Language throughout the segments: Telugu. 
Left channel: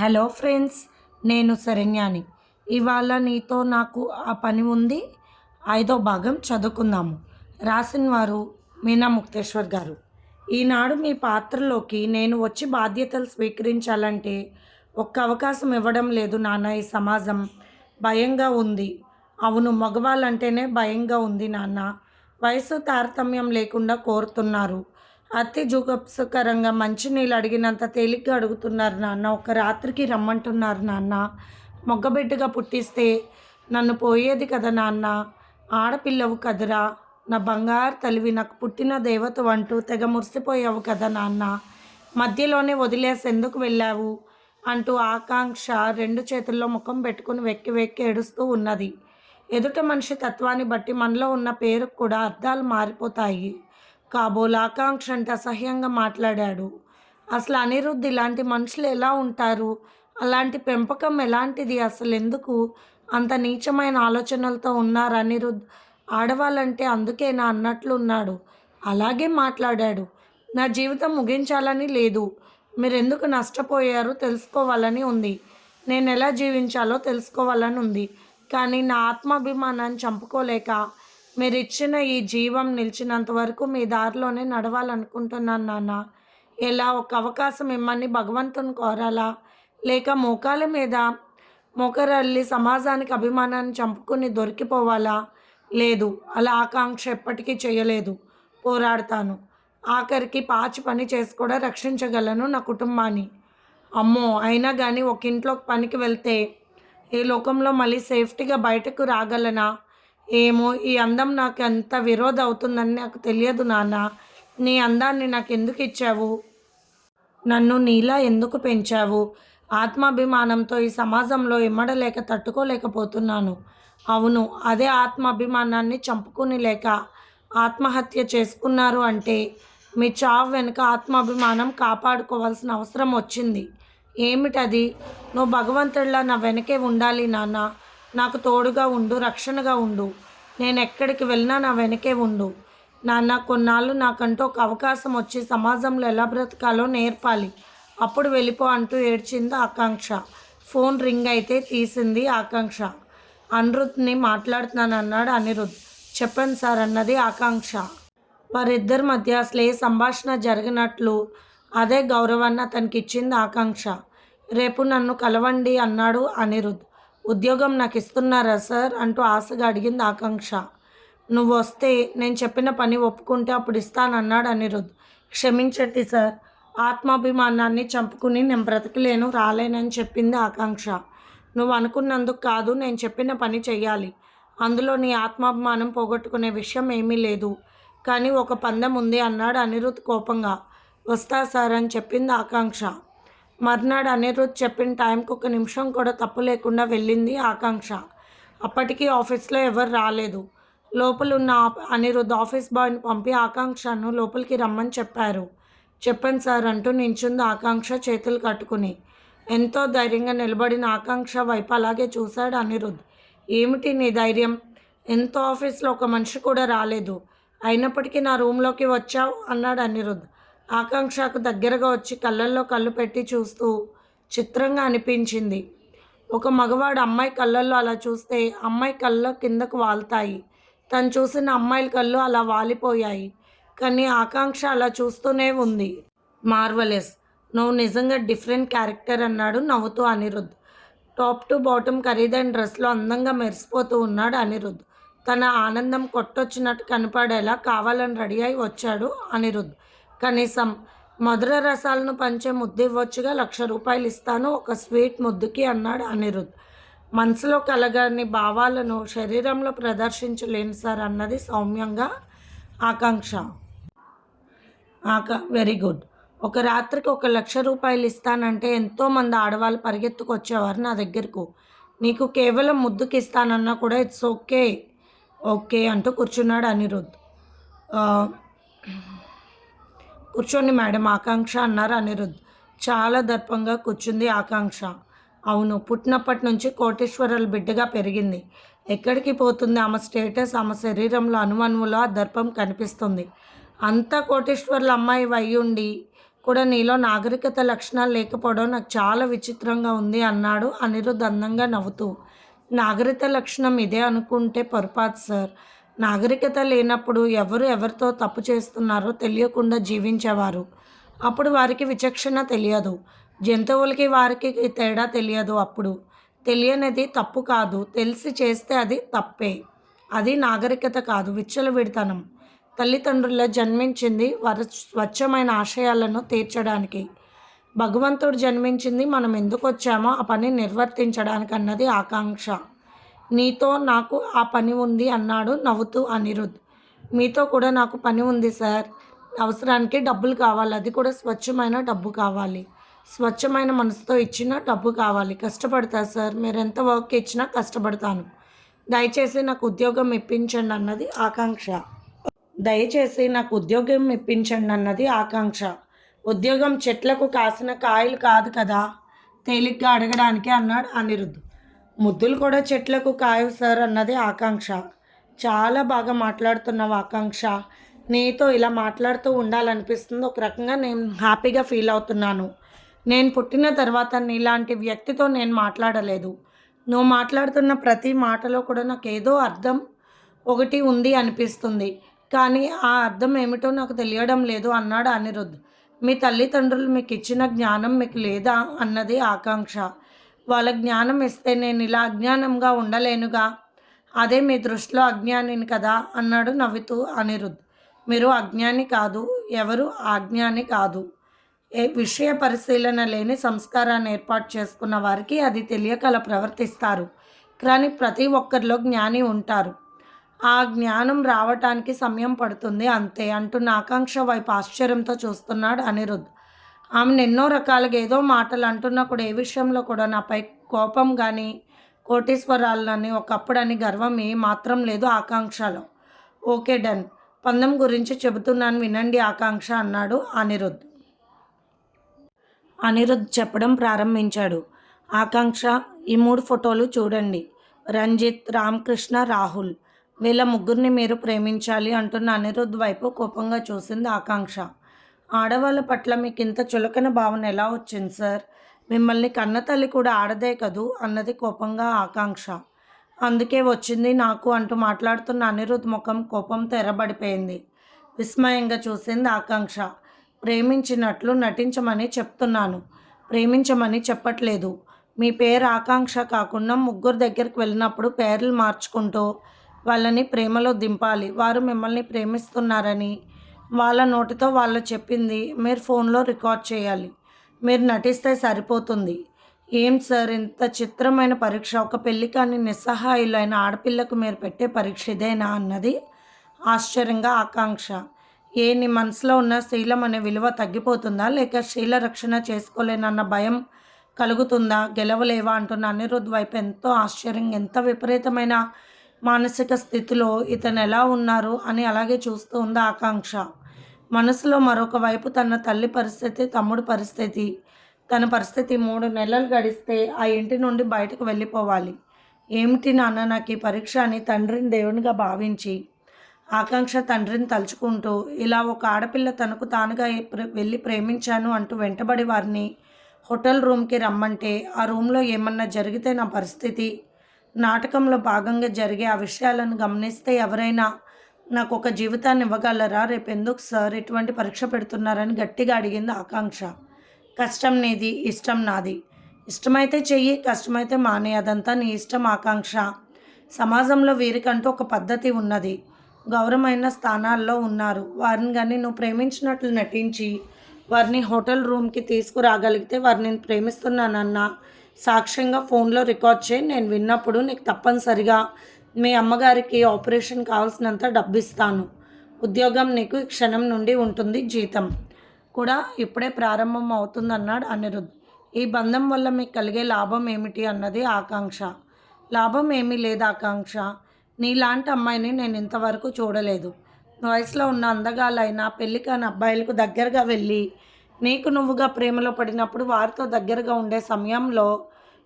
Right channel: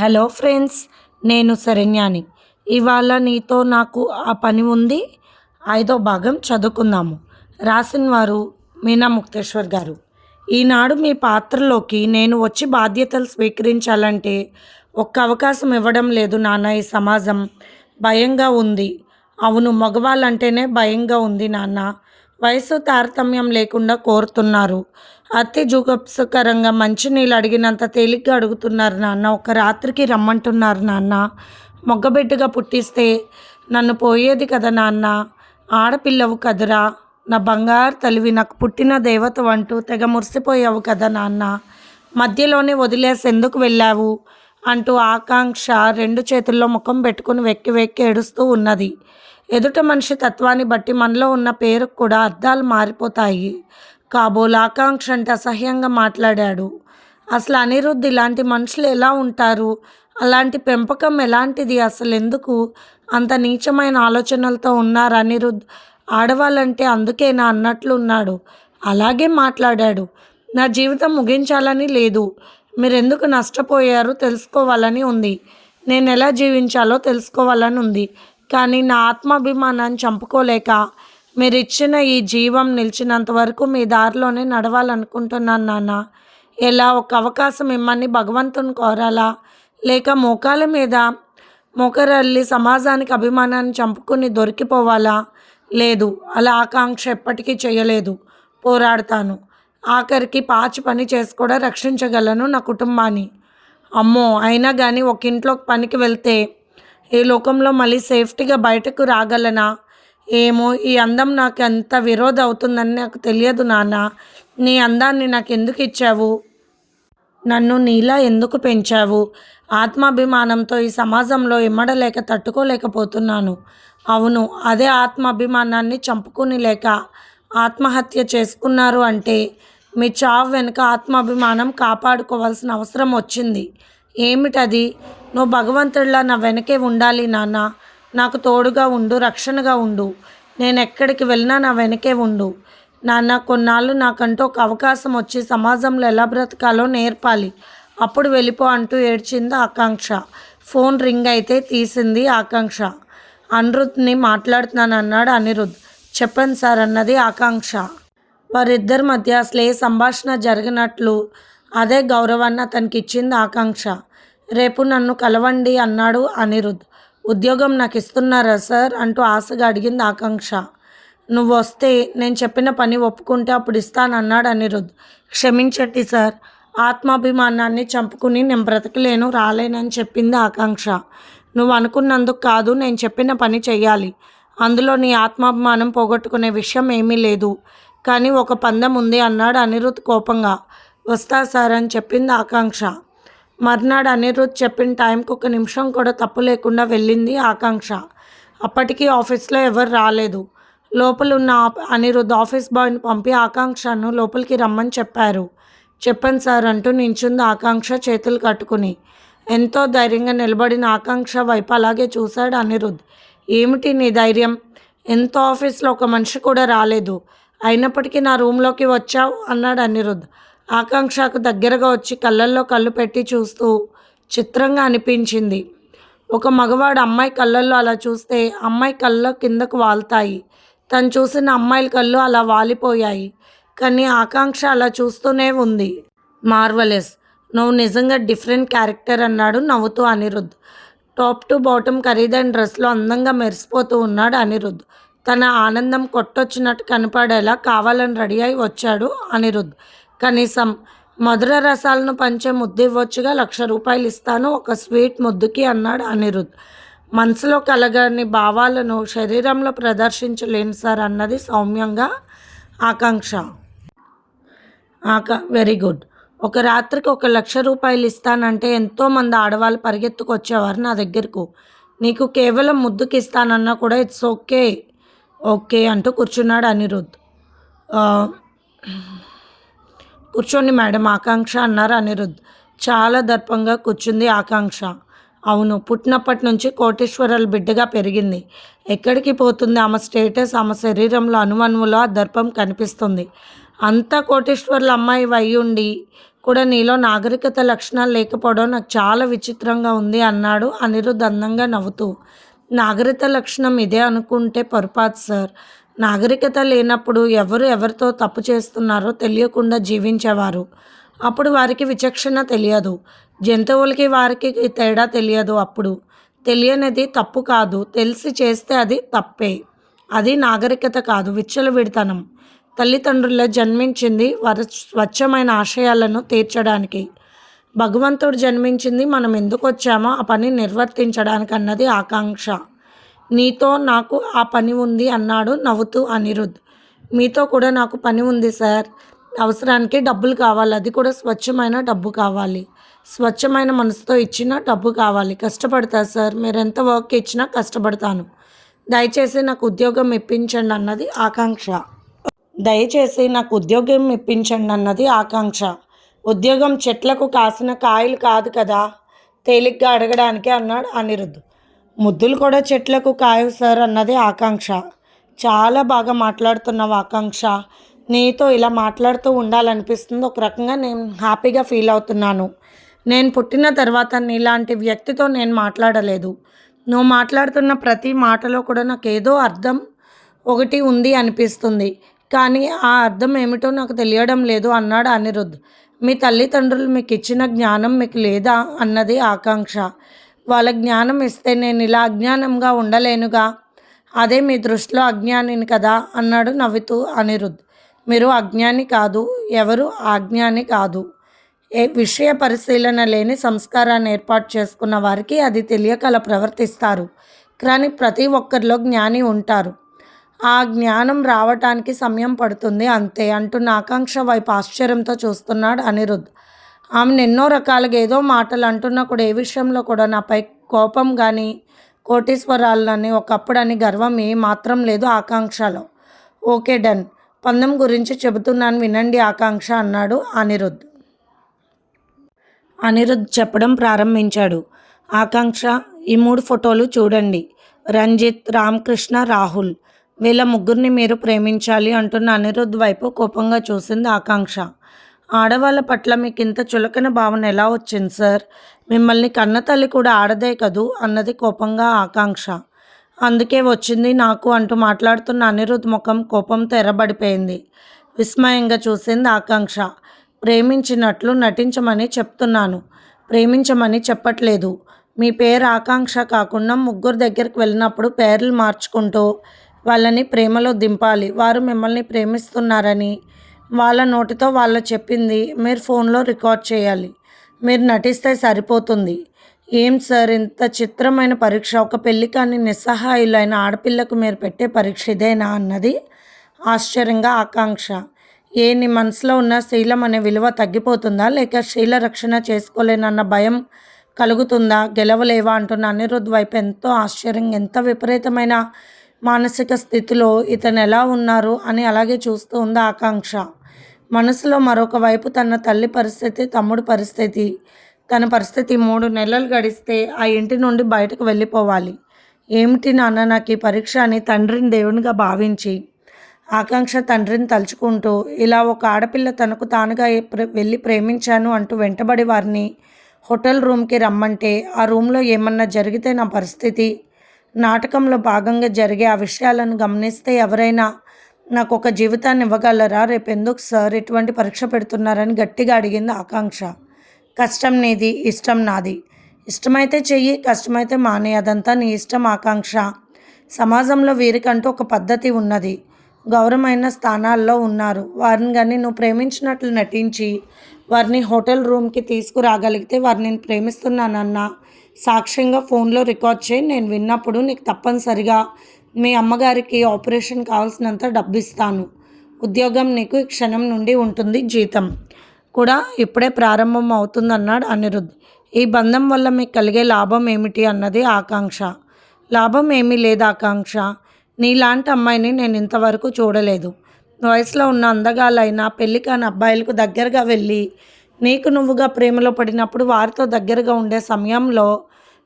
హలో ఫ్రెండ్స్ నేను శరణ్యాని. ఇవాళ నీతో నాకు ఆ పని ఉంది. ఐదో భాగం చదువుకుందాము. రాసిన వారు మీనా ముక్తేశ్వర్ గారు. ఈనాడు మీ పాత్రలోకి నేను వచ్చి బాధ్యతలు స్వీకరించాలంటే ఒక్క అవకాశం ఇవ్వడం లేదు నాన్న ఈ సమాజం భయంగా ఉంది. అవును మగవాళ్ళంటేనే భయంగా ఉంది నాన్న. వయసు తారతమ్యం లేకుండా కోరుతున్నారు. అతి జుగుప్సకరంగా మంచినీళ్ళు అడిగినంత తేలిగ్గా అడుగుతున్నారు నాన్న. ఒక రాత్రికి రమ్మంటున్నారు నాన్న. మొగ్గబిడ్డగా పుట్టిస్తే నన్ను పోయేది కదా నాన్న. ఆడపిల్లవు కదురా. నా బంగారు తల్లివి నాకు పుట్టిన దేవత అంటూ తెగ మురిసిపోయావు కదా నాన్న. మధ్యలోనే వదిలేసి ఎందుకు వెళ్ళావు అంటూ ఆకాంక్ష రెండు చేతుల్లో ముఖం పెట్టుకుని వెక్కి వెక్కి ఏడుస్తూ ఉన్నది. ఎదుట మనిషి తత్వాన్ని బట్టి మనలో ఉన్న పేరుకు కూడా అర్థాలు మారిపోతాయి. కాబోలు ఆకాంక్ష అంటే అసహ్యంగా మాట్లాడాడు. అసలు అనిరుద్ధ్ ఇలాంటి మనుషులు ఎలా ఉంటారు? అలాంటి పెంపకం ఎలాంటిది? అసలు ఎందుకు? అంత నీచమైన ఆలోచనలతో ఉన్నారు అనిరుద్ధ్. ఆడవాళ్ళంటే అందుకేనా అన్నట్లు ఉన్నాడు. అలాగే మాట్లాడాడు. నా జీవితం ముగించాలని లేదు. మీరెందుకు నష్టపోయారు? తెలుసుకోవాలని ఉంది. నేను ఎలా జీవించాలో తెలుసుకోవాలని ఉంది. కానీ నా ఆత్మాభిమానాన్ని చంపుకోలేక మీరు ఇచ్చిన ఈ జీవం నిలిచినంత వరకు మీ దారిలోనే నడవాలనుకుంటున్నాను నాన్న. ఎలా ఒక అవకాశం ఇమ్మని భగవంతుని కోరాలా? లేక మోకాల మీద మోకరల్లి సమాజానికి అభిమానాన్ని చంపుకుని దొరికిపోవాలా? లేదు అలా ఆకాంక్ష ఎప్పటికీ చేయలేదు. పోరాడతాను. ఆఖరికి పాచి పని చేసి కూడా రక్షించగలను నా కుటుంబాన్ని. అమ్మో అయినా కానీ ఒక ఇంట్లోకి పనికి వెళ్తే ఈ లోకంలో మళ్ళీ సేఫ్టీగా బయటకు రాగలనా? ఏమో ఈ అందం నాకు ఎంత విరోధ అవుతుందని నాకు తెలియదు నాన్న. నీ అందాన్ని నాకు ఎందుకు ఇచ్చావు? నన్ను నీలా ఎందుకు పెంచావు? ఆత్మాభిమానంతో ఈ సమాజంలో ఇమ్మడలేక తట్టుకోలేకపోతున్నాను. అవును అదే ఆత్మాభిమానాన్ని చంపుకుని లేక ఆత్మహత్య చేసుకున్నారు అంటే మీ చావు వెనుక ఆత్మాభిమానం కాపాడుకోవాల్సిన అవసరం వచ్చింది. ఏమిటది? నువ్వు భగవంతుడిలా నా వెనకే ఉండాలి నాన్న. నాకు తోడుగా ఉండు రక్షణగా ఉండు. నేను ఎక్కడికి వెళ్ళినా నా వెనకే ఉండు. నాన్న కొన్నాళ్ళు నాకంటూ ఒక అవకాశం వచ్చి సమాజంలో ఎలా బ్రతకాలో నేర్పాలి. అప్పుడు వెళ్ళిపో అంటూ ఏడ్చింది ఆకాంక్ష. ఫోన్ రింగ్ అయితే తీసింది ఆకాంక్ష. అనిరుద్ని మాట్లాడుతున్నాను అన్నాడు అనిరుద్ చెప్పండి సార్ అన్నది ఆకాంక్ష. వారిద్దరి మధ్య అసలు ఏ సంభాషణ జరిగినట్లు అదే గౌరవాన్ని అతనికి ఇచ్చింది ఆకాంక్ష. రేపు నన్ను కలవండి అన్నాడు అనిరుద్ ఉద్యోగం నాకు ఇస్తున్నారా సార్? అంటూ ఆశగా అడిగింది ఆకాంక్ష. నువ్వు వస్తే నేను చెప్పిన పని ఒప్పుకుంటే అప్పుడు ఇస్తానన్నాడు అనిరుద్ధ్ క్షమించండి సార్ ఆత్మాభిమానాన్ని చంపుకుని నేను బ్రతకలేను రాలేనని చెప్పింది ఆకాంక్ష. నువ్వు అనుకున్నందుకు కాదు నేను చెప్పిన పని చెయ్యాలి. అందులో నీ ఆత్మాభిమానం పోగొట్టుకునే విషయం ఏమీ లేదు. కానీ ఒక పందెం ఉంది అన్నాడు అనిరుద్ధ్ కోపంగా. వస్తా సార్ అని చెప్పింది ఆకాంక్ష. మర్నాడు అనిరుద్ధ్ చెప్పిన టైంకి ఒక నిమిషం కూడా తప్పు లేకుండా వెళ్ళింది ఆకాంక్ష. అప్పటికీ ఆఫీస్లో ఎవరు రాలేదు. లోపల ఉన్న అనిరుద్ధ్ ఆఫీస్ బాయ్ని పంపి ఆకాంక్షను లోపలికి రమ్మని చెప్పారు. చెప్పండి సార్ అంటూ నించుంది ఆకాంక్ష చేతులు కట్టుకుని. ఎంతో ధైర్యంగా నిలబడిన ఆకాంక్ష వైపు అలాగే చూశాడు అనిరుద్ధ్ ఏమిటి నీ ధైర్యం? ఎంతో ఆఫీస్లో ఒక మనిషి కూడా రాలేదు. అయినప్పటికీ నా రూమ్లోకి వచ్చావు? అన్నాడు అనిరుద్ధ్ ఆకాంక్షకు దగ్గరగా వచ్చి కళ్ళల్లో కళ్ళు పెట్టి చూస్తూ చిత్రంగా అనిపించింది. ఒక మగవాడు అమ్మాయి కళ్ళల్లో అలా చూస్తే అమ్మాయి కళ్ళ కిందకు వాలుతాయి తను చూసిన అమ్మాయిల కళ్ళు అలా వాలిపోయాయి. కానీ ఆకాంక్ష అలా చూస్తూనే ఉంది. మార్వలెస్ నువ్వు నిజంగా డిఫరెంట్ క్యారెక్టర్ అన్నాడు నవ్వుతూ అనిరుద్ టాప్ టు బాటమ్ ఖరీదైన డ్రెస్లో అందంగా మెరిసిపోతూ ఉన్నాడు అనిరుద్ తన ఆనందం కొట్టొచ్చినట్టు కనపడేలా కావాలని రెడీ అయి వచ్చాడు అనిరుద్ కనీసం మధుర రసాలను పంచే ముద్దు ఇవ్వచ్చుగా లక్ష రూపాయలు ఇస్తాను ఒక స్వీట్ ముద్దుకి అన్నాడు అనిరుద్. మనసులో కలగని భావాలను శరీరంలో ప్రదర్శించలేను సార్ అన్నది సౌమ్యంగా ఆకాంక్ష. ఆకా వెరీ గుడ్. ఒక రాత్రికి ఒక లక్ష రూపాయలు ఇస్తానంటే ఎంతోమంది ఆడవాళ్ళు పరిగెత్తుకొచ్చేవారు నా దగ్గరకు. నీకు కేవలం ముద్దుకి ఇస్తానన్నా కూడా ఇట్స్ ఓకే ఓకే అంటూ కూర్చున్నాడు అనిరుద్. కూర్చోండి మేడం ఆకాంక్ష అన్నారు అనిరుద్. చాలా దర్పంగా కూర్చుంది ఆకాంక్ష. అవును పుట్టినప్పటి నుంచి కోటేశ్వరాలు బిడ్డగా పెరిగింది. ఎక్కడికి పోతుంది? ఆమె స్టేటస్ ఆమె శరీరంలో అణువణువులో ఆ దర్పం కనిపిస్తుంది. అంతా కోటేశ్వర్ల అమ్మాయి అయి ఉండి కూడా నీలో నాగరికత లక్షణాలు లేకపోవడం నాకు చాలా విచిత్రంగా ఉంది అన్నాడు అనిరుద్ధ్ అందంగా నవ్వుతూ. నాగరికత లక్షణం ఇదే అనుకుంటే పొరపాటు సార్. నాగరికత లేనప్పుడు ఎవరు ఎవరితో తప్పు చేస్తున్నారో తెలియకుండా జీవించేవారు. అప్పుడు వారికి విచక్షణ తెలియదు. జంతువులకి వారికి తేడా తెలియదు అప్పుడు. తెలియనిది తప్పు కాదు. తెలిసి చేస్తే అది తప్పే. అది నాగరికత కాదు. విచ్చలవిడితనం. తల్లిదండ్రుల జన్మించింది వారి స్వచ్ఛమైన ఆశయాలను తీర్చడానికి. భగవంతుడు జన్మించింది మనం ఎందుకు వచ్చామో ఆ పని నిర్వర్తించడానికి అన్నది ఆకాంక్ష. నీతో నాకు ఆ పని ఉంది అన్నాడు నవ్వుతూ అనిరుద్. మీతో కూడా నాకు పని ఉంది సార్. అవసరానికి డబ్బులు కావాలి. అది కూడా స్వచ్ఛమైన డబ్బు కావాలి. స్వచ్ఛమైన మనసుతో ఇచ్చిన డబ్బు కావాలి. కష్టపడతా సార్. మీరు ఎంత వర్క్ ఇచ్చినా కష్టపడతాను. దయచేసి నాకు ఉద్యోగం ఇప్పించండి అన్నది ఆకాంక్ష. దయచేసి నాకు ఉద్యోగం ఇప్పించండి అన్నది ఆకాంక్ష. ఉద్యోగం చెట్లకు కాసిన కాయలు కాదు కదా? తేలిగ్గా అడగడానికి అన్నాడు అనిరుద్ధ్ ముద్దులు కూడా చెట్లకు కాయవు సార్ అన్నది ఆకాంక్ష. చాలా బాగా మాట్లాడుతున్నావు ఆకాంక్ష. నీతో ఇలా మాట్లాడుతూ ఉండాలనిపిస్తుంది. ఒక రకంగా నేను హ్యాపీగా ఫీల్ అవుతున్నాను. నేను పుట్టిన తర్వాత నీలాంటి వ్యక్తితో నేను మాట్లాడలేదు. నువ్వు మాట్లాడుతున్న ప్రతి మాటలో కూడా నాకు ఏదో అర్థం ఒకటి ఉంది అనిపిస్తుంది. కానీ ఆ అర్థం ఏమిటో నాకు తెలియడం లేదు అన్నాడు అనిరుద్ధ్. మీ తల్లిదండ్రులు మీకు ఇచ్చిన జ్ఞానం మీకు లేదా అన్నది ఆకాంక్ష. వాళ్ళ జ్ఞానం ఇస్తే నేను ఇలా అజ్ఞానంగా ఉండలేనుగా. అదే మీ దృష్టిలో అజ్ఞానిని కదా అన్నాడు నవ్వుతూ అనిరుద్ధ్ మీరు అజ్ఞాని కాదు ఎవరు అజ్ఞాని కాదు. ఏ విషయ పరిశీలన లేని సంస్కారాన్ని ఏర్పాటు చేసుకున్న వారికి అది తెలియక అలా ప్రవర్తిస్తారు. కానీ ప్రతి ఒక్కరిలో జ్ఞాని ఉంటారు. ఆ జ్ఞానం రావటానికి సమయం పడుతుంది అంతే అంటున్న ఆకాంక్ష వైపు ఆశ్చర్యంతో చూస్తున్నాడు అనిరుద్ధ్ ఆమెను ఎన్నో రకాలుగా ఏదో మాటలు అంటున్నా కూడా ఏ విషయంలో కూడా నాపై కోపం కానీ కోటీశ్వరాలని ఒకప్పుడని గర్వం ఏ మాత్రం లేదు ఆకాంక్షలో. Okay done. పందెం గురించి చెబుతున్నాను వినండి ఆకాంక్ష అన్నాడు అనిరుద్ధ్. అనిరుద్ధ్ చెప్పడం ప్రారంభించాడు. ఆకాంక్ష ఈ మూడు ఫోటోలు చూడండి. రంజిత్ రామకృష్ణ రాహుల్. వీళ్ళ ముగ్గురిని మీరు ప్రేమించాలి అంటున్న అనిరుద్ధ్ వైపు కోపంగా చూసింది ఆకాంక్ష. ఆడవాళ్ళ పట్ల మీకు ఇంత చులకన భావన ఎలా వచ్చింది సార్? మిమ్మల్ని కన్న తల్లి కూడా ఆడదే కదూ? అన్నది కోపంగా ఆకాంక్ష. అందుకే వచ్చింది నాకు అంటూ మాట్లాడుతున్న అనిరుద్ధ్ ముఖం కోపంతో ఎర్రబడిపోయింది విస్మయంగా చూసింది ఆకాంక్ష. ప్రేమించినట్లు నటించమని చెప్తున్నాను. ప్రేమించమని చెప్పట్లేదు. మీ పేరు ఆకాంక్ష కాకుండా ముగ్గురు దగ్గరికి వెళ్ళినప్పుడు పేర్లు మార్చుకుంటూ వాళ్ళని ప్రేమలో దింపాలి. వారు మిమ్మల్ని ప్రేమిస్తున్నారని వాళ్ళ నోటితో వాళ్ళు చెప్పింది మీరు ఫోన్లో రికార్డ్ చేయాలి. మీరు నటిస్తే సరిపోతుంది. ఏం సార్ ఇంత చిత్రమైన పరీక్ష? ఒక పెళ్ళి కానీ నిస్సహాయులైన ఆడపిల్లకు మీరు పెట్టే పరీక్ష ఇదేనా అన్నది ఆశ్చర్యంగా ఆకాంక్ష. ఏ నీ మనసులో ఉన్న శీలం అనే విలువ తగ్గిపోతుందా? లేక శీల రక్షణ చేసుకోలేనన్న భయం కలుగుతుందా? గెలవలేవా అంటున్న అనిరుద్ వైపు ఎంతో ఆశ్చర్యం ఎంత విపరీతమైన మానసిక స్థితిలో ఇతను ఎలా ఉన్నారు అని అలాగే చూస్తూ ఉంది ఆకాంక్ష. మనసులో మరొక వైపు తన తల్లి పరిస్థితి తమ్ముడు పరిస్థితి. తన పరిస్థితి మూడు నెలలు గడిస్తే ఆ ఇంటి నుండి బయటకు వెళ్ళిపోవాలి. ఏమిటి నాన్న నాకు ఈ పరీక్ష అని తండ్రిని దేవునిగా భావించి ఆకాంక్ష తండ్రిని తలుచుకుంటూ ఇలా ఒక ఆడపిల్ల తనకు తానుగా వెళ్ళి ప్రేమించాను అంటూ వెంటబడి వారిని హోటల్ రూమ్కి రమ్మంటే ఆ రూమ్లో ఏమన్నా జరిగితే నా పరిస్థితి నాటకంలో భాగంగా జరిగే ఆ విషయాలను గమనిస్తే ఎవరైనా నాకు ఒక జీవితాన్ని ఇవ్వగలరా? రేపు ఎందుకు సార్ ఎటువంటి పరీక్ష పెడుతున్నారని గట్టిగా అడిగింది ఆకాంక్ష. కష్టం నీది ఇష్టం నాది. ఇష్టమైతే చెయ్యి కష్టమైతే మానే. అదంతా నీ ఇష్టం ఆకాంక్ష. సమాజంలో వీరికంటూ ఒక పద్ధతి ఉన్నది. గౌరవమైన స్థానాల్లో ఉన్నారు. వారిని కానీ నువ్వు ప్రేమించినట్లు నటించి వారిని హోటల్ రూమ్కి తీసుకురాగలిగితే వారిని నేను ప్రేమిస్తున్నానన్న సాక్ష్యంగా ఫోన్లో రికార్డ్ చేయి. నేను విన్నప్పుడు నీకు తప్పనిసరిగా మీ అమ్మగారికి ఆపరేషన్ కావాల్సినంత డబ్బు ఇస్తాను ఉద్యోగం నీకు క్షణం నుండి ఉంటుంది జీతం. కూడా ఇప్పుడే ప్రారంభం అవుతుందన్నాడు అనిరుద్ధ్ ఈ బంధం వల్ల మీకు కలిగే లాభం ఏమిటి అన్నది ఆకాంక్ష. లాభం ఏమీ లేదు ఆకాంక్ష. నీలాంటి అమ్మాయిని నేను ఇంతవరకు చూడలేదు. వయసులో ఉన్న అందగాలైన పెళ్ళి కాని అబ్బాయిలకు దగ్గరగా వెళ్ళి నీకు నువ్వుగా ప్రేమలో పడినప్పుడు వారితో దగ్గరగా ఉండే సమయంలో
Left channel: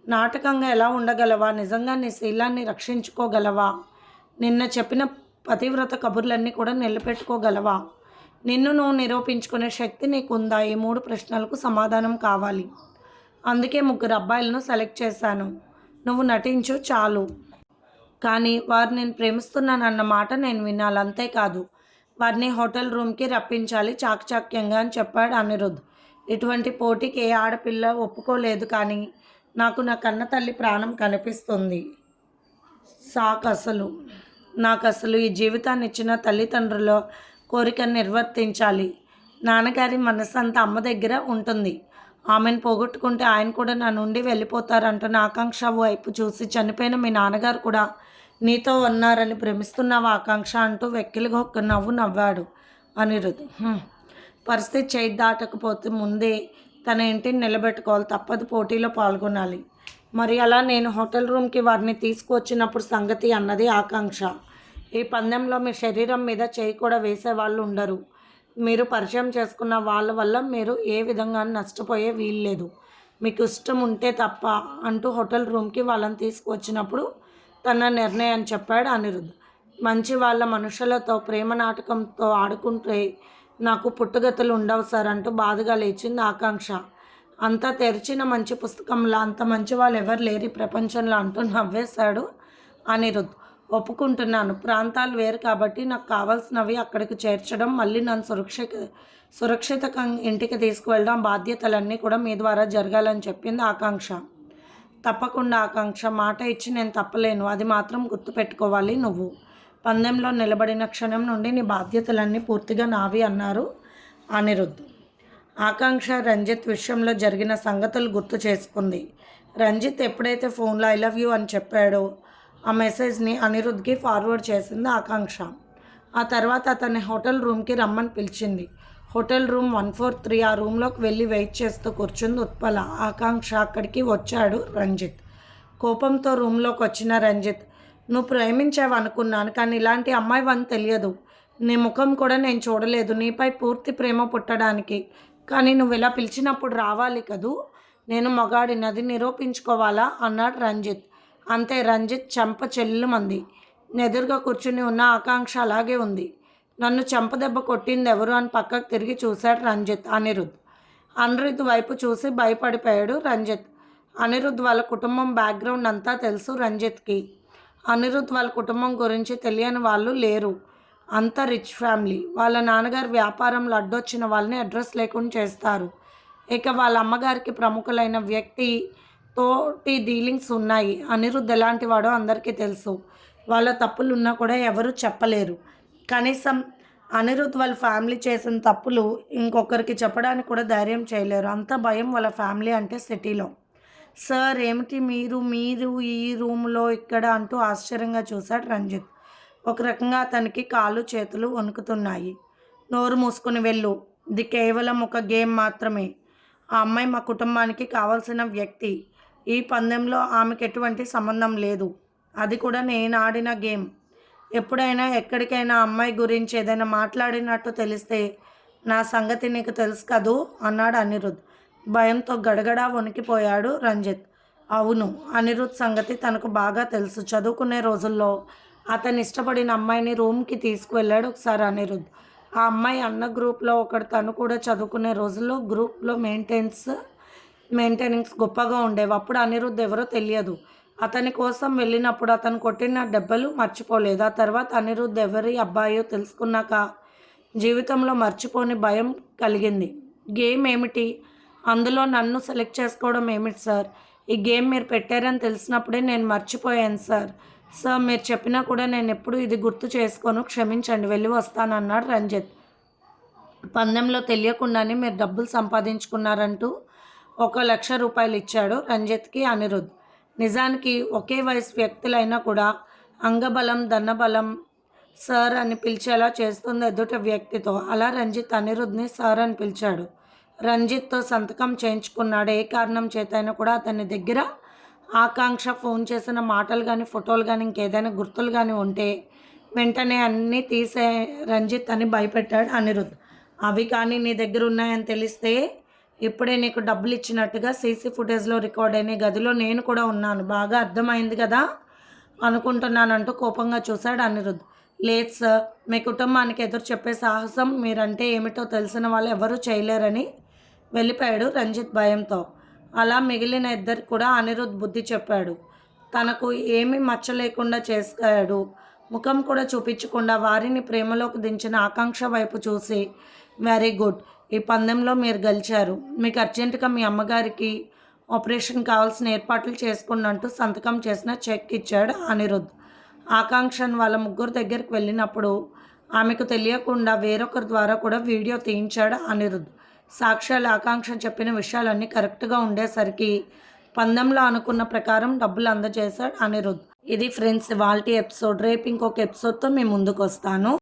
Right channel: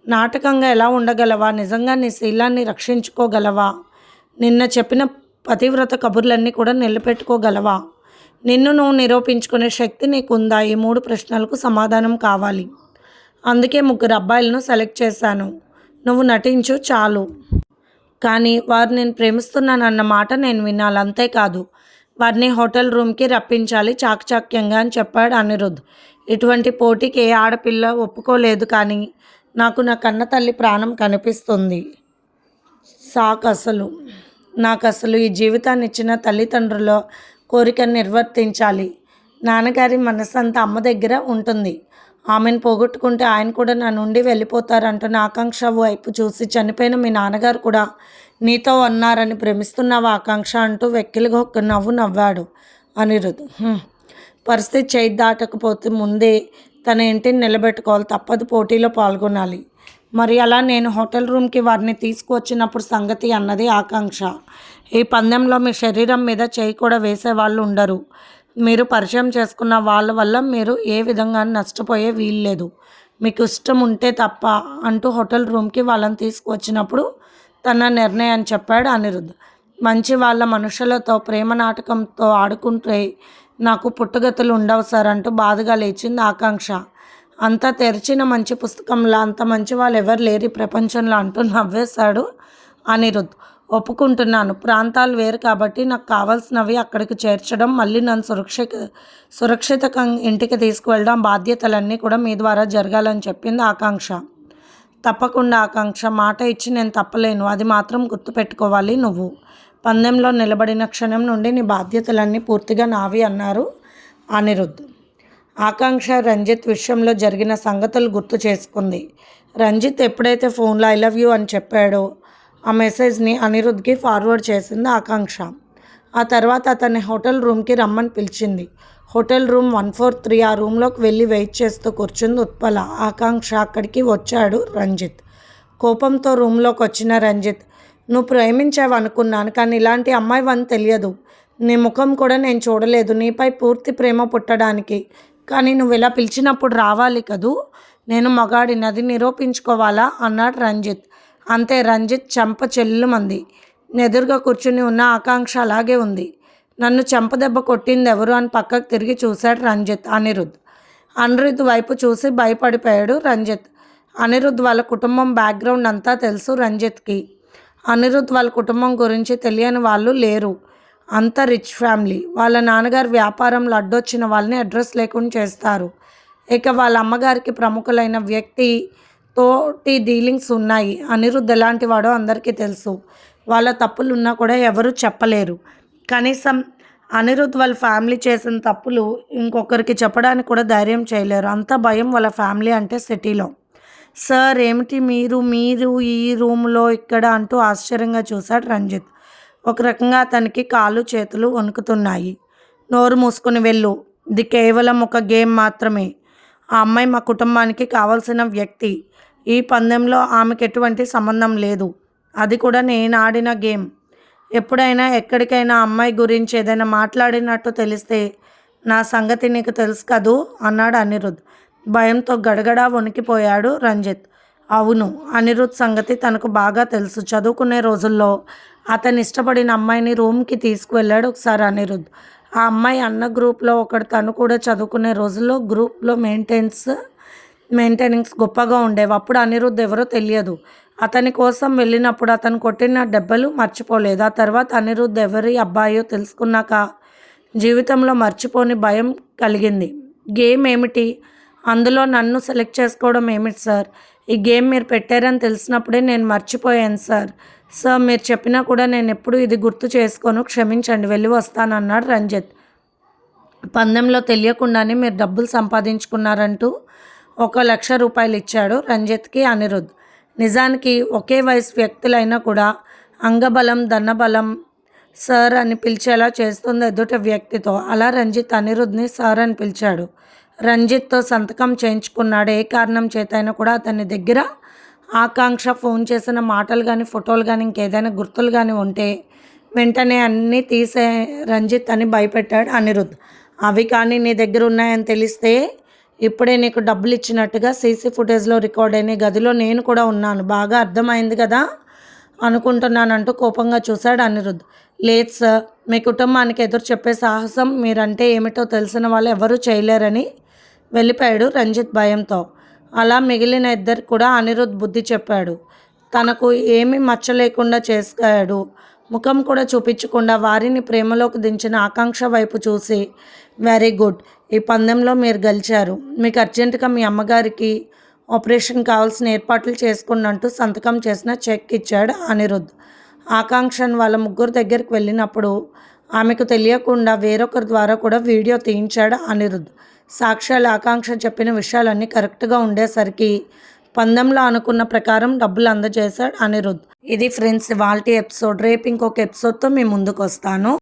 నాటకంగా ఎలా ఉండగలవా? నిజంగా నీ శీలాన్ని రక్షించుకోగలవా? నిన్న చెప్పిన పతివ్రత కబుర్లన్నీ కూడా నిలబెట్టుకోగలవా? నిన్ను నువ్వు నిరూపించుకునే శక్తి నీకుందా? ఈ మూడు ప్రశ్నలకు సమాధానం కావాలి. అందుకే ముగ్గురు అబ్బాయిలను సెలెక్ట్ చేశాను. నువ్వు నటించు చాలు. కానీ వారు నేను ప్రేమిస్తున్నానన్న మాట నేను వినాలి. అంతేకాదు వారిని హోటల్ రూమ్కి రప్పించాలి చాకచాక్యంగా అని చెప్పాడు అనిరుద్. ఇటువంటి పోటీకి ఏ ఆడపిల్ల ఒప్పుకోలేదు కానీ నాకు నా కన్న తల్లి ప్రాణం కనిపిస్తుంది. సాక్ అసలు. నాకు అసలు ఈ జీవితాన్ని ఇచ్చిన తల్లిదండ్రుల కోరికను నిర్వర్తించాలి. నాన్నగారి మనసు అంతా అమ్మ దగ్గర ఉంటుంది. ఆమెను పోగొట్టుకుంటే ఆయన కూడా నా నుండి వెళ్ళిపోతారంటున్న ఆకాంక్ష వైపు చూసి చనిపోయిన మీ నాన్నగారు కూడా నీతో ఉన్నారని ప్రేమిస్తున్నావా ఆకాంక్ష అంటూ వెక్కిలిగా ఒక నవ్వు నవ్వాడు అనిరుద్. పరిస్థితి చేయి దాటకపోతే ముందే తన ఇంటిని నిలబెట్టుకోవాలి తప్పదు పోటీలో పాల్గొనాలి. మరి అలా నేను హోటల్ రూమ్కి వారిని తీసుకువచ్చినప్పుడు సంగతి అన్నది ఆకాంక్ష. ఈ పందెంలో మీ శరీరం మీద చేయి కూడా వేసే వాళ్ళు ఉండరు. మీరు పరిచయం చేసుకున్న వాళ్ళ వల్ల మీరు ఏ విధంగా నష్టపోయే వీల్లేదు మీకు ఇష్టం ఉంటే తప్ప అంటూ హోటల్ రూమ్కి వాళ్ళని తీసుకువచ్చినప్పుడు తన నిర్ణయాన్ని చెప్పాడు అనిరుద్ధ. మంచి వాళ్ళ మనుషులతో ప్రేమ నాటకంతో ఆడుకుంటే నాకు పుట్టుగతులు ఉండవు సార్ అంటూ బాధగా లేచింది ఆకాంక్ష. అంతా తెరిచిన మంచి పుస్తకంలో అంత మంచి వాళ్ళు ఎవరు లేరు ప్రపంచంలో అంటూ నవ్వేశాడు అనిరుద్ధ్ ఒప్పుకుంటున్నాను. ప్రాంతాలు వేరు కాబట్టి నాకు కావాల్సినవి అక్కడికి చేర్చడం మళ్ళీ నన్ను సురక్షిత సురక్షిత ఇంటికి తీసుకువెళ్ళడం బాధ్యతలన్నీ కూడా మీ ద్వారా జరగాలని చెప్పింది ఆకాంక్ష. తప్పకుండా ఆకాంక్ష. మాట ఇచ్చి నేను తప్పలేను. అది మాత్రం గుర్తుపెట్టుకోవాలి నువ్వు. పందెంలో నిలబడిన క్షణం నుండి నీ బాధ్యతలన్నీ పూర్తిగా నావి అన్నారు అనిరుద్ధ్ ఆకాంక్ష రంజిత్ విషయంలో జరిగిన సంగతులు గుర్తు చేసుకుంది. రంజిత్ ఎప్పుడైతే ఫోన్లో ఐ లవ్ యూ అని చెప్పాడో ఆ మెసేజ్ని అనిరుద్ధ్కి ఫార్వర్డ్ చేసింది ఆకాంక్ష. ఆ తర్వాత అతన్ని హోటల్ రూమ్కి రమ్మని పిలిచింది. Hotel room one four three ఆ రూమ్లోకి వెళ్ళి వెయిట్ చేస్తూ కూర్చుంది ఉత్పల. ఆకాంక్ష అక్కడికి వచ్చాడు రంజిత్. కోపంతో రూమ్లోకి వచ్చిన రంజిత్ నువ్వు ప్రేమించావు అనుకున్నాను కానీ ఇలాంటి అమ్మాయి అని తెలియదు. నీ ముఖం కూడా నేను చూడలేదు. నీపై పూర్తి ప్రేమ పుట్టడానికి. కానీ నువ్వు ఇలా పిలిచినప్పుడు రావాలి కదూ? నేను మగాడినది నిరూపించుకోవాలా? అన్నాడు రంజిత్. అంతే రంజిత్ చెంప చెల్లుమంది. ఎదురుగా కూర్చుని ఉన్న ఆకాంక్ష అలాగే ఉంది. నన్ను చెంపదెబ్బ కొట్టింది ఎవరు అని పక్కకు తిరిగి చూశాడు రంజిత్ అనిరుద్. అనిరుద్ వైపు చూసి భయపడిపోయాడు రంజిత్. అనిరుద్ వాళ్ళ కుటుంబం బ్యాక్గ్రౌండ్ అంతా తెలుసు రంజిత్కి. అనిరుద్ వాళ్ళ కుటుంబం గురించి తెలియని వాళ్ళు లేరు. అంత రిచ్ ఫ్యామిలీ. వాళ్ళ నాన్నగారు వ్యాపారంలో అడ్డొచ్చిన వాళ్ళని అడ్రస్ లేకుండా చేస్తారు. ఇక వాళ్ళ అమ్మగారికి ప్రముఖులైన వ్యక్తి తోటి డీలింగ్స్ ఉన్నాయి. అనిరుద్ ఎలాంటి వాడో అందరికీ తెలుసు. వాళ్ళ తప్పులు ఉన్నా కూడా ఎవరు చెప్పలేరు. కనీసం అనిరుద్ వాళ్ళ ఫ్యామిలీ చేసిన తప్పులు ఇంకొకరికి చెప్పడానికి కూడా ధైర్యం చేయలేరు. అంత భయం వాళ్ళ ఫ్యామిలీ అంటే సిటీలో. సార్ ఏమిటి మీరు మీరు ఈ రూమ్లో ఇక్కడ అంటూ ఆశ్చర్యంగా చూశాడు రంజిత్. ఒక రకంగా అతనికి కాళ్ళు చేతులు వణుకుతున్నాయి. నోరు మూసుకుని వెళ్ళు. ఇది కేవలం ఒక గేమ్ మాత్రమే. ఆ అమ్మాయి మా కుటుంబానికి కావాల్సిన వ్యక్తి. ఈ పందెంలో ఆమెకు ఎటువంటి సంబంధం లేదు. అది కూడా నేను ఆడిన గేమ్. ఎప్పుడైనా ఎక్కడికైనా అమ్మాయి గురించి ఏదైనా మాట్లాడినట్టు తెలిస్తే నా సంగతి నీకు తెలుసు కదూ అన్నాడు అనిరుద్. భయంతో గడగడా వణికిపోయాడు రంజిత్. అవును అనిరుద్ సంగతి తనకు బాగా తెలుసు. చదువుకునే రోజుల్లో అతను ఇష్టపడిన అమ్మాయిని రూమ్కి తీసుకువెళ్ళాడు ఒకసారి అనిరుద్ ఆ అమ్మాయి అన్న గ్రూప్లో ఒకడు తను కూడా చదువుకునే రోజుల్లో గ్రూప్లో మెయింటెన్స్ మెయింటెనెన్స్ గొప్పగా ఉండేవి. అప్పుడు అనిరుద్ ఎవరో తెలియదు. అతని కోసం వెళ్ళినప్పుడు అతను కొట్టిన దెబ్బలు మర్చిపోలేదు. ఆ తర్వాత అనిరుద్ ఎవరి అబ్బాయో తెలుసుకున్నాక జీవితంలో మర్చిపోని భయం కలిగింది. గేమ్ ఏమిటి? అందులో నన్ను సెలెక్ట్ చేసుకోవడం ఏమిటి సార్? ఈ గేమ్ మీరు పెట్టారని తెలిసినప్పుడే నేను మర్చిపోయాను సార్. సార్ మీరు చెప్పినా కూడా నేను ఎప్పుడు ఇది గుర్తు చేసుకోను. క్షమించండి వెళ్ళి వస్తాను అన్నాడు రంజిత్. పందెంలో తెలియకుండానే మీరు డబ్బులు సంపాదించుకున్నారంటూ ఒక లక్ష రూపాయలు ఇచ్చాడు రంజిత్కి అనిరుద్. నిజానికి ఒకే వయసు వ్యక్తులైనా కూడా అంగబలం ధనబలం సార్ అని పిలిచేలా చేస్తుంది ఎదుట వ్యక్తితో. అలా రంజిత్ అనిరుద్ని సార్ అని పిలిచాడు. రంజిత్తో సంతకం చేయించుకున్నాడు. ఏ కారణం చేతైనా కూడా అతని దగ్గర ఆకాంక్ష ఫోన్ చేసిన మాటలు కానీ ఫోటోలు కానీ ఇంకేదైనా గుర్తులు కానీ ఉంటే వెంటనే అన్నీ తీసే రంజిత్ అని భయపెట్టాడు అనిరుద్ధ్ అవి కానీ నీ దగ్గర ఉన్నాయని తెలిస్తే ఇప్పుడే నీకు డబ్బులు ఇచ్చినట్టుగా సీసీ ఫుటేజ్లో రికార్డ్ అయిన గదిలో నేను కూడా ఉన్నాను. బాగా అర్థమైంది కదా? అనుకుంటున్నానంటూ కోపంగా చూశాడు అనిరుద్ధ్ లేదు సార్ మీ కుటుంబానికి ఎదురు చెప్పే సాహసం మీరంటే ఏమిటో తెలిసిన వాళ్ళు ఎవరూ చేయలేరని వెళ్ళిపోయాడు రంజిత్ భయంతో. అలా మిగిలిన ఇద్దరు కూడా అనిరుద్ బుద్ధి చెప్పాడు. తనకు ఏమీ మచ్చ లేకుండా చేశాడు. ముఖం కూడా చూపించకుండా వారిని ప్రేమలోకి దించిన ఆకాంక్ష వైపు చూసి వెరీ గుడ్. ఈ పందెంలో మీరు గెలిచారు. మీకు అర్జెంటుగా మీ అమ్మగారికి ఆపరేషన్ కావాల్సిన ఏర్పాట్లు చేసుకున్నట్టు సంతకం చేసిన చెక్ ఇచ్చాడు అనిరుద్ ఆకాంక్షను వాళ్ళ ముగ్గురు దగ్గరికి వెళ్ళినప్పుడు ఆమెకు తెలియకుండా వేరొకరి ద్వారా కూడా వీడియో తీయించాడు అనిరుద్ సాక్ష్యాలు ఆకాంక్ష చెప్పిన విషయాలన్నీ కరెక్ట్గా ఉండేసరికి పందెంలో అనుకున్న ప్రకారం డబ్బులు అందజేశాడు అనిరుద్ ఇది ఫ్రెండ్స్ వాల్టీ ఎపిసోడ్. రేపు ఇంకొక ఎపిసోడ్తో మేము ముందుకు వస్తాను